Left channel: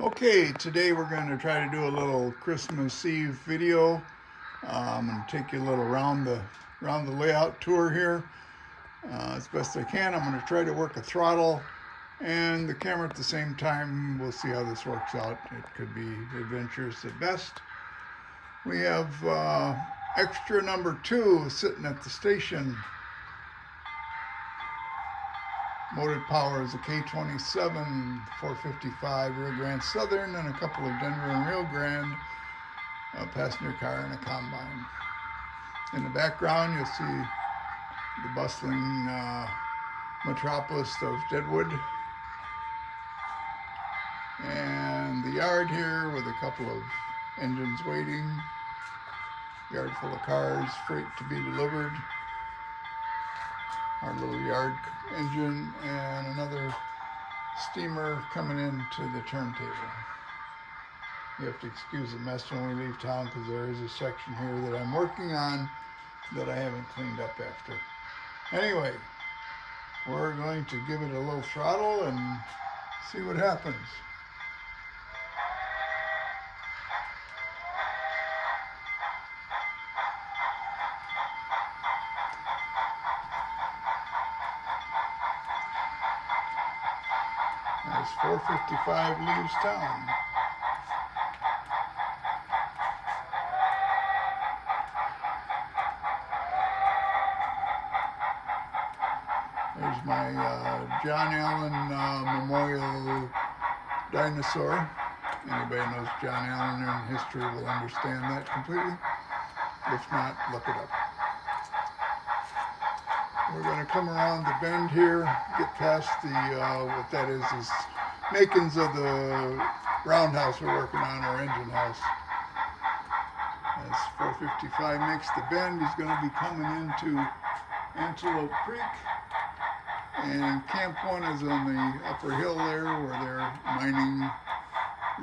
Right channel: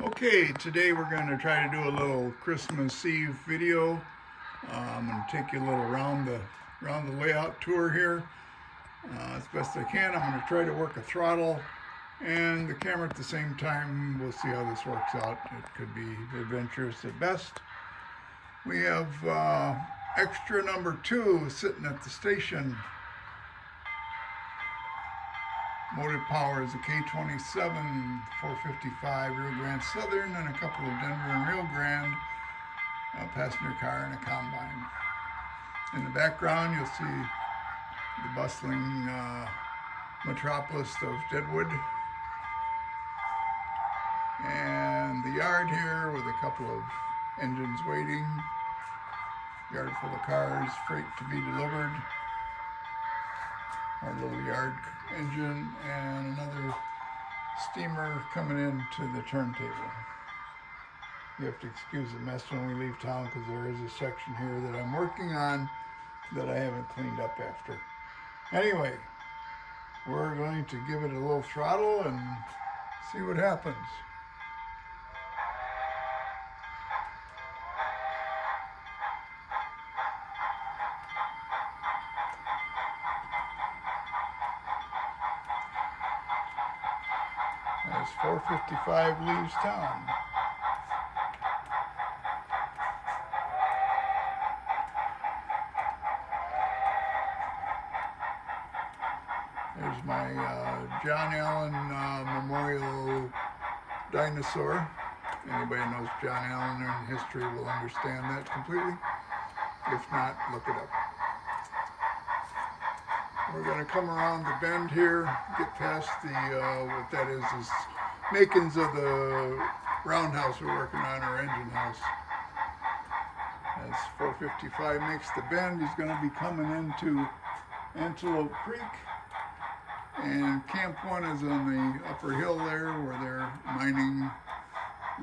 Okay, today we're going to try to do a little Christmas Eve video. I'm going to take you a little around the layout tour here as best I can. I'm going to try to work a throttle and the camera at the same time. We'll see how this works out. It could be adventurous at best. We have extra number 2 sitting at the station. Motive power is a K27 455 Rio Grande Southern and a couple of Denver and Rio Grande, a passenger car and a combine. In the background you'll see the bustling metropolis of Deadwood and the yard here with a couple of engines waiting, yard full of cars, freight to be delivered, our little yard engine, and another steamer coming into the turntable. You have to excuse the mess when we leave town because there is a section here that I'm working on that I haven't cleaned up after. Anyway, we're going to give it a little throttle and see what happens. As 455 leaves town. There's my John Allen Memorial Dinosaur. Anybody knows John Allen in history will understand that completely. If not, look it up. We're going to come around the bend here, get past the, what that is makings of the roundhouse we're working on, our engine house. As 455 makes the bend, he's going to be coming into Antelope Creek. And Camp 1 is on the upper hill there where they're mining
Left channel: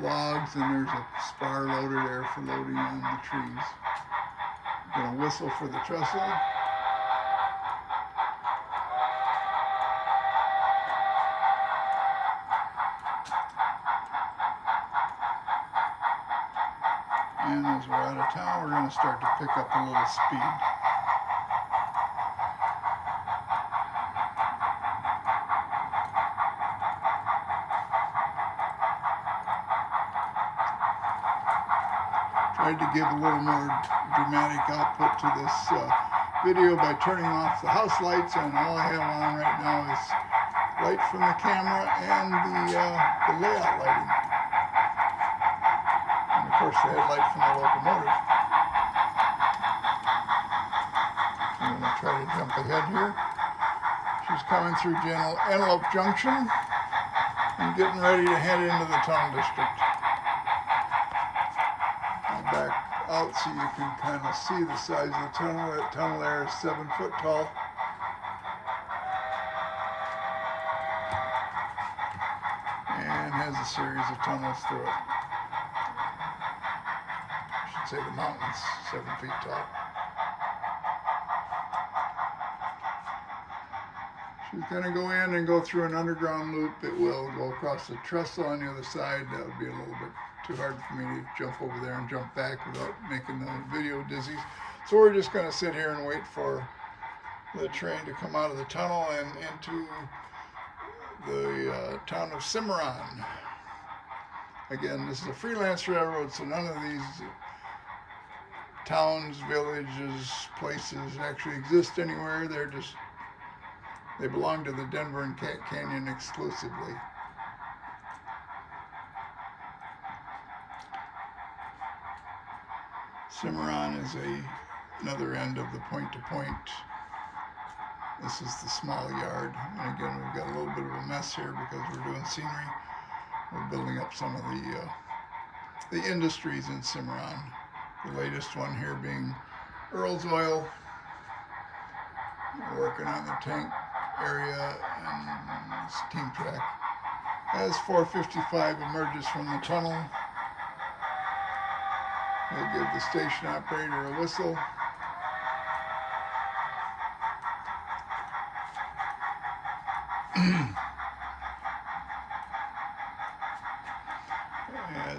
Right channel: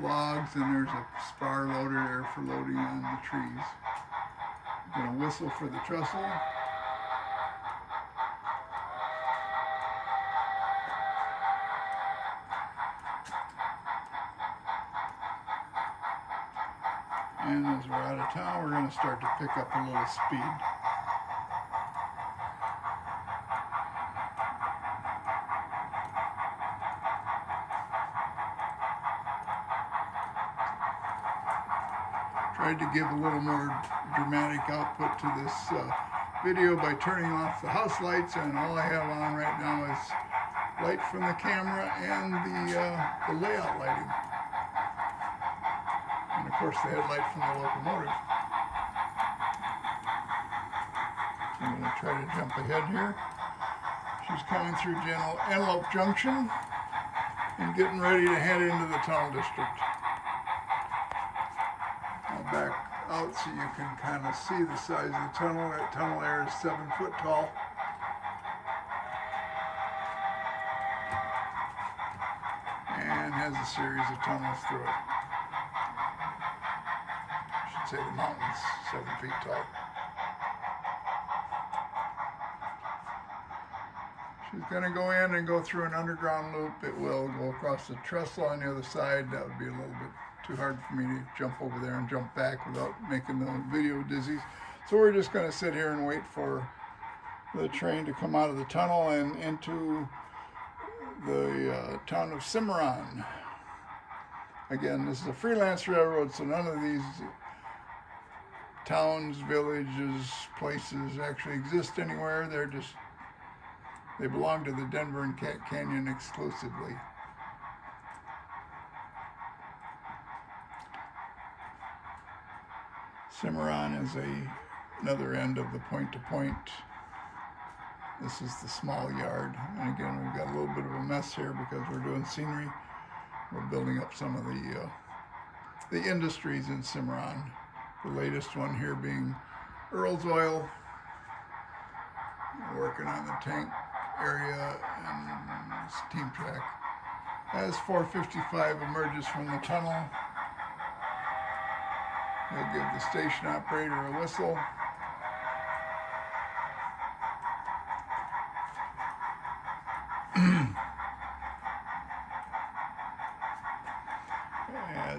logs, and there's a spar loader there for loading on the trees. I'm going to whistle for the trestle. And as we're out of town, we're going to start to pick up a little speed. Tried to give a little more dramatic output to this video by turning off the house lights, and all I have on right now is light from the camera and the layout lighting. And of course the headlight from the locomotive. I'm going to try to jump ahead here. She's coming through Antelope Junction and getting ready to head into the tunnel district. I'll back out so you can kind of see the size of the tunnel. That tunnel there is 7 foot tall. And has a series of tunnels through it. I should say the mountain's 7 feet tall. She's going to go in and go through an underground loop. It will go across the trestle on the other side. That would be a little bit too hard for me to jump over there and jump back without making the video dizzy. So we're just going to sit here and wait for the train to come out of the tunnel and into the town of Cimarron. Again, this is a freelance railroad, so none of these towns, villages, places actually exist anywhere. They belong to the Denver and Cat Canyon exclusively. Cimarron is another end of the point-to-point. This is the small yard. And again, we've got a little bit of a mess here because we're doing scenery. We're building up some of the industries in Cimarron. The latest one here being Earl's Oil. We're working on the tank area and steam track. As 455 emerges from the tunnel, they give the station operator a whistle.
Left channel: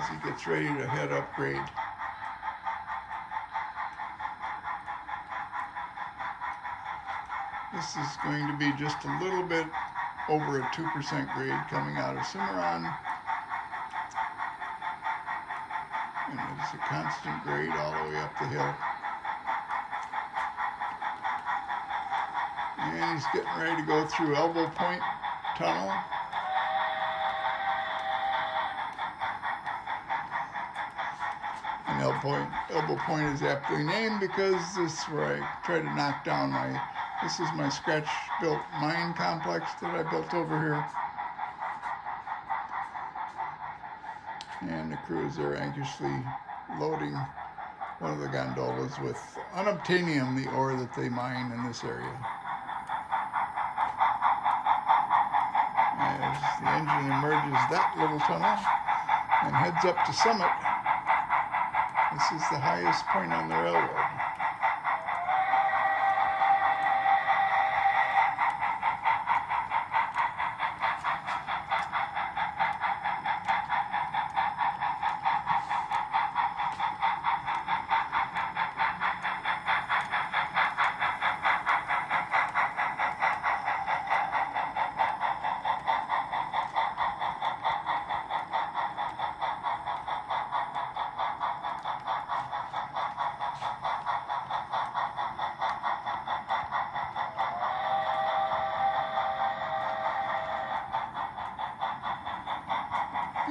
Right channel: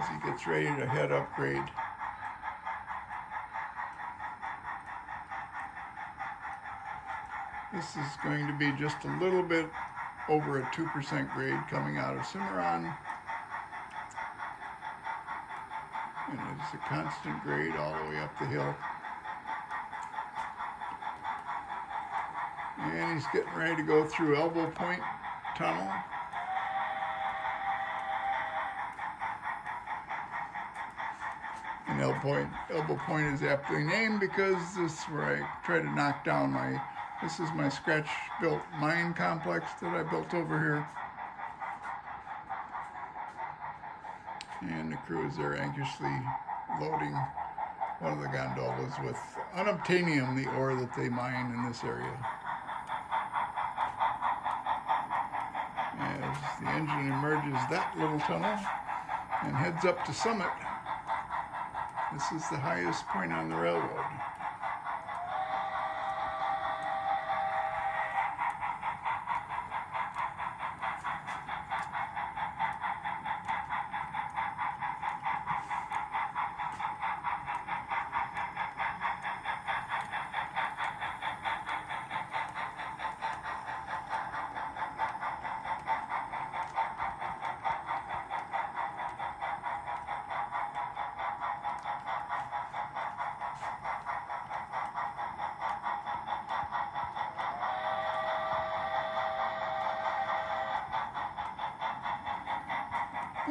as he gets ready to head up grade. This is going to be just a little bit over a 2% grade coming out of Cimarron. And it's a constant grade all the way up the hill. And he's getting ready to go through Elbow Point Tunnel. And Elbow Point is aptly named because this is where I try to knock down this is my scratch-built mine complex that I built over here. And the crew is there anxiously loading one of the gondolas with unobtainium, the ore that they mine in this area. As the engine emerges that little tunnel and heads up to Summit, this is the highest point on the railroad.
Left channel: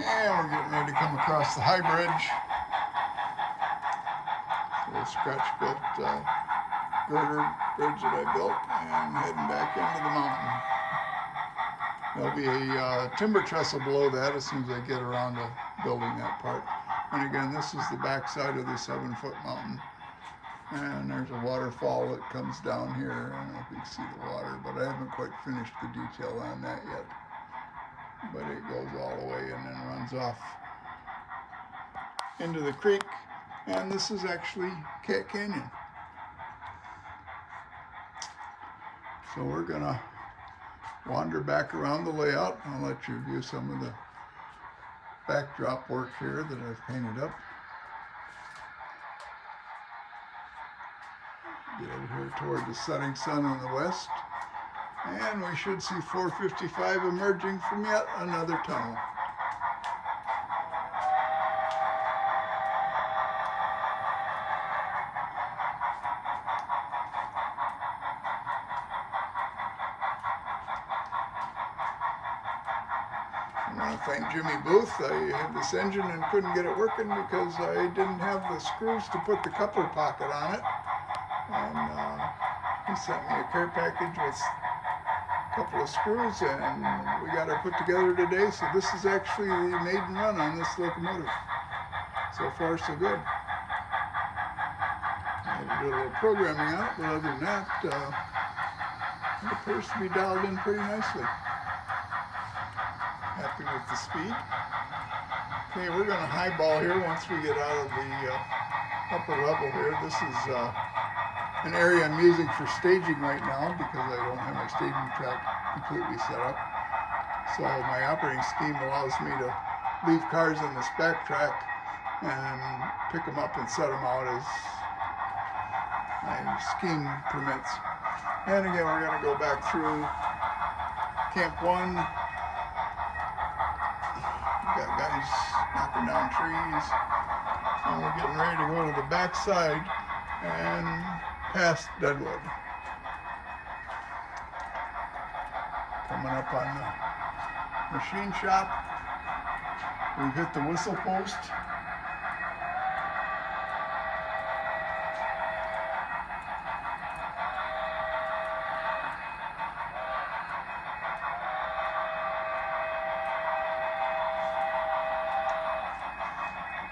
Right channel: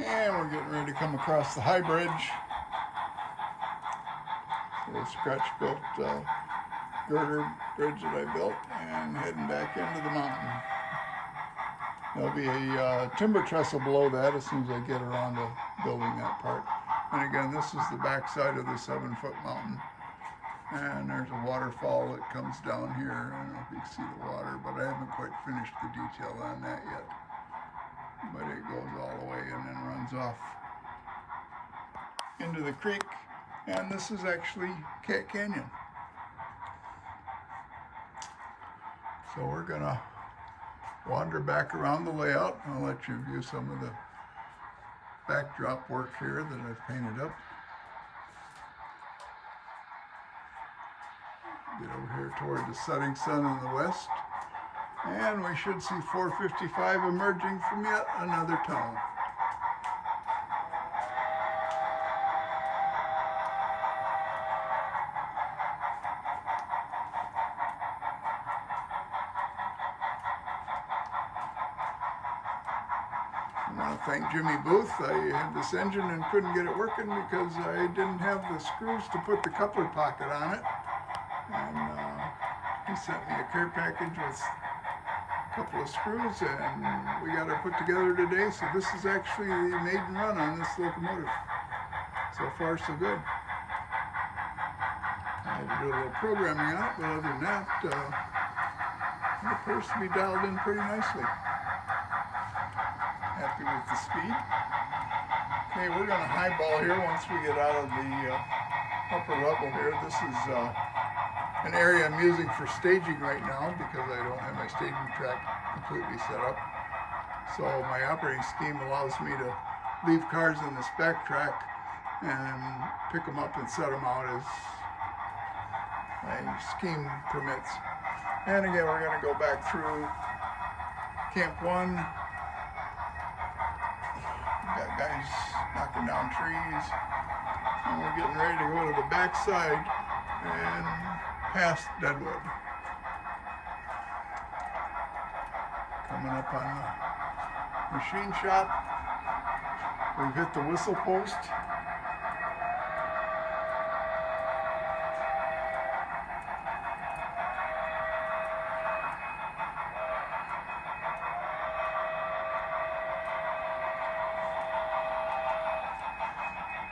And we're getting ready to come across the High Bridge. The scratch-built girder bridge that I built, and heading back into the mountain. There'll be a timber trestle below that as soon as I get around to building that part. And again, this is the back side of the 7-foot mountain. And there's a waterfall that comes down here. I don't know if you can see the water, but I haven't quite finished the detail on that yet. But it goes all the way and then runs off into the creek. And this is actually Cat Canyon. So we're gonna wander back around the layout. I'll let you view some of the backdrop work here that I've painted up. Get over here toward the setting sun in the west. And we should see 455 emerging from yet another tunnel. I want to thank Jimmy Booth. I had this engine and couldn't get it working because I didn't have the screws to put the coupler pocket on it. And he sent me a care package with couple of screws, and we got it put together today. So this is actually the maiden run on this locomotive. So far, so good. I had to do a little programming on it, but other than that, it appears to be dialed in pretty nicely. Happy with the speed. Okay, we're going to highball here once we get out of the upper level here. This is an area I'm using for staging right now because I don't have my staging track completely set up. So my operating scheme allows me to leave cars in this back track and pick them up and set them out as my scheme permits. And again, we're going to go back through Camp 1. We've got guys knocking down trees. And we're getting ready to go to the back side and past Deadwood. Coming up on the machine shop. We've hit the whistle post.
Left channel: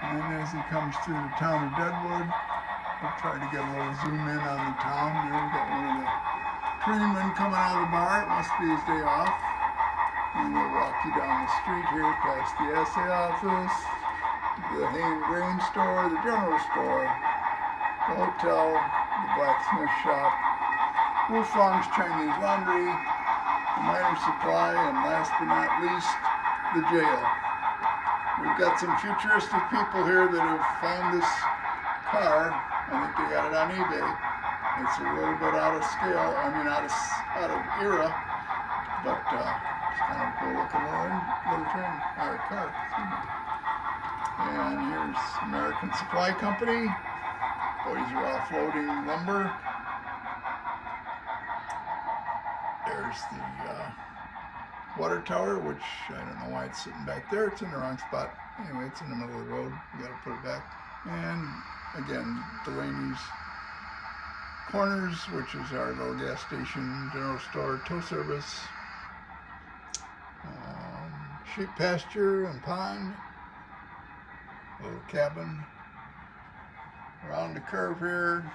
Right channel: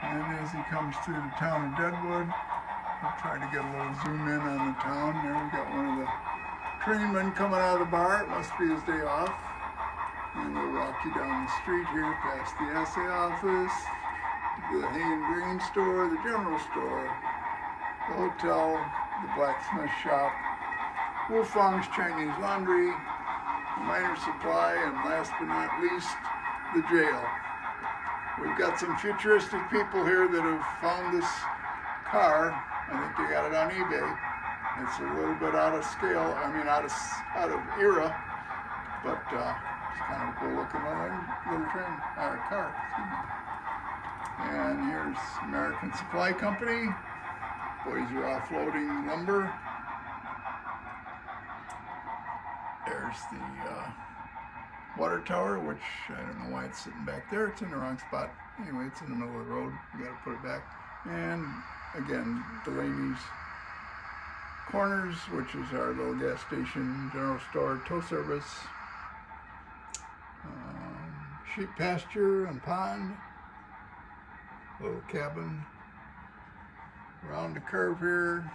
And as he comes through the town of Deadwood, we'll try to get a little zoom in on the town. There we got one of the trainmen coming out of the bar. It must be his day off. And we'll walk you down the street here past the assay office, the hay and grain store, the general store, the hotel, the blacksmith shop, Wufang's Chinese laundry, the minor supply, and last but not least, the jail. We've got some futuristic people here that have found this car. I think they got it on eBay. It's a little bit out of scale, out of era, but it's kind of cool looking little car. And here's American Supply Company. Boys are offloading lumber. There's the water tower, which I don't know why it's sitting back there. It's in the wrong spot. Anyway, it's in the middle of the road. We got to put it back. And again, Delaney's Corners, which is our little gas station, general store, tow service, sheep pasture and pond, little cabin. Around the curve here,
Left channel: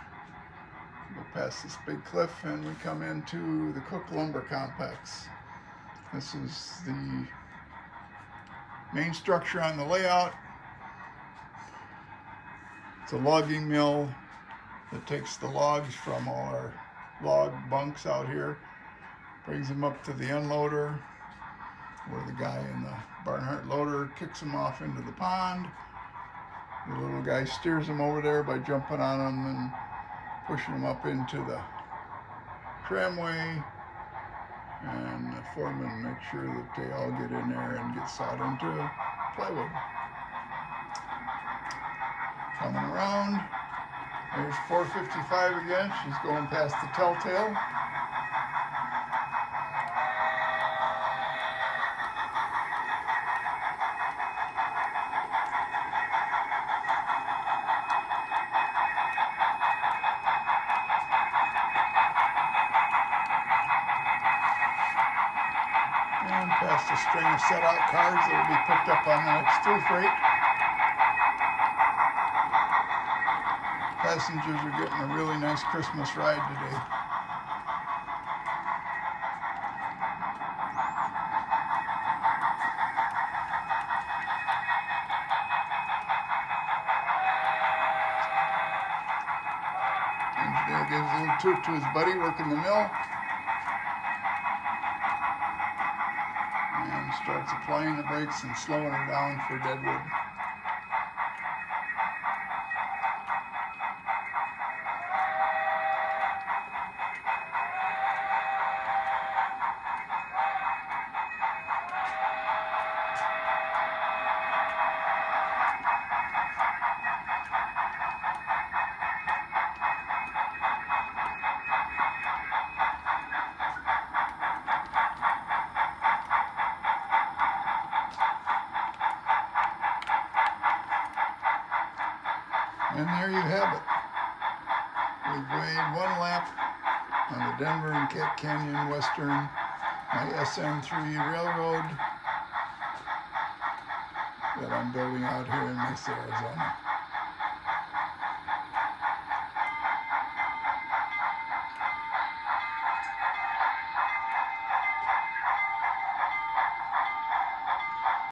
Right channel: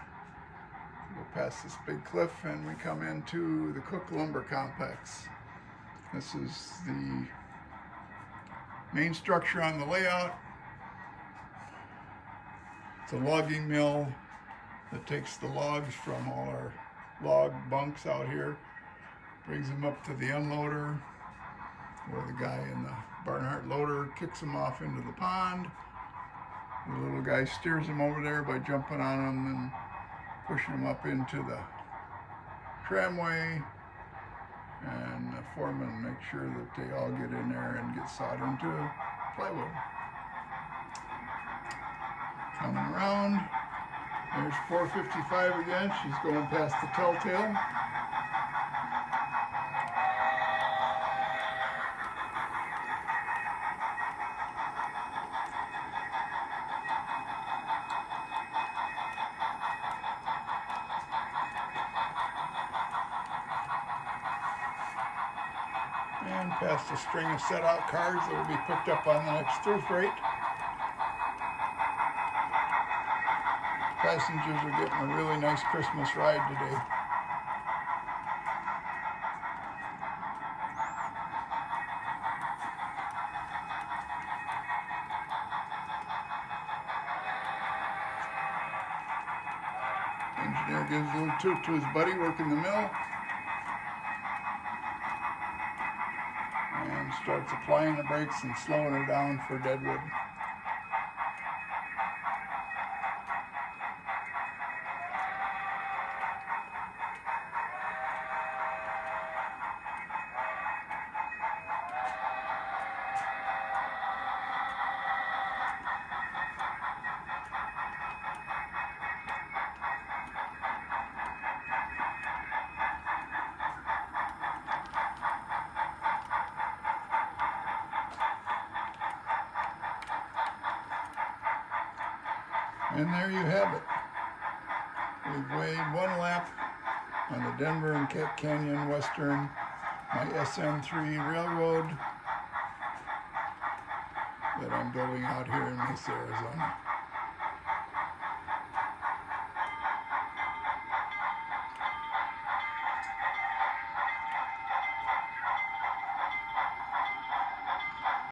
go past this big cliff and we come into the Cook Lumber Complex. This is the main structure on the layout. It's a logging mill that takes the logs from all our log bunks out here, brings them up to the unloader, where the guy in the Barnhart loader kicks them off into the pond. The little guy steers them over there by jumping on them and pushing them up into the tramway, and the foreman makes sure that they all get in there and get sawed into plywood. Coming around, there's 455 again. She's going past the Telltale. And past a string of set-out cars that will be picked up on the next through freight. Passengers are getting a really nice Christmas ride today. Engineer gives a little toot to his buddy working the mill. And starts applying the brakes and slowing her down for deadwood. And there you have it. We've weighed one lap on the Denver and Cat Canyon Western, my SM3 railroad that I'm building out here in Mesa, Arizona.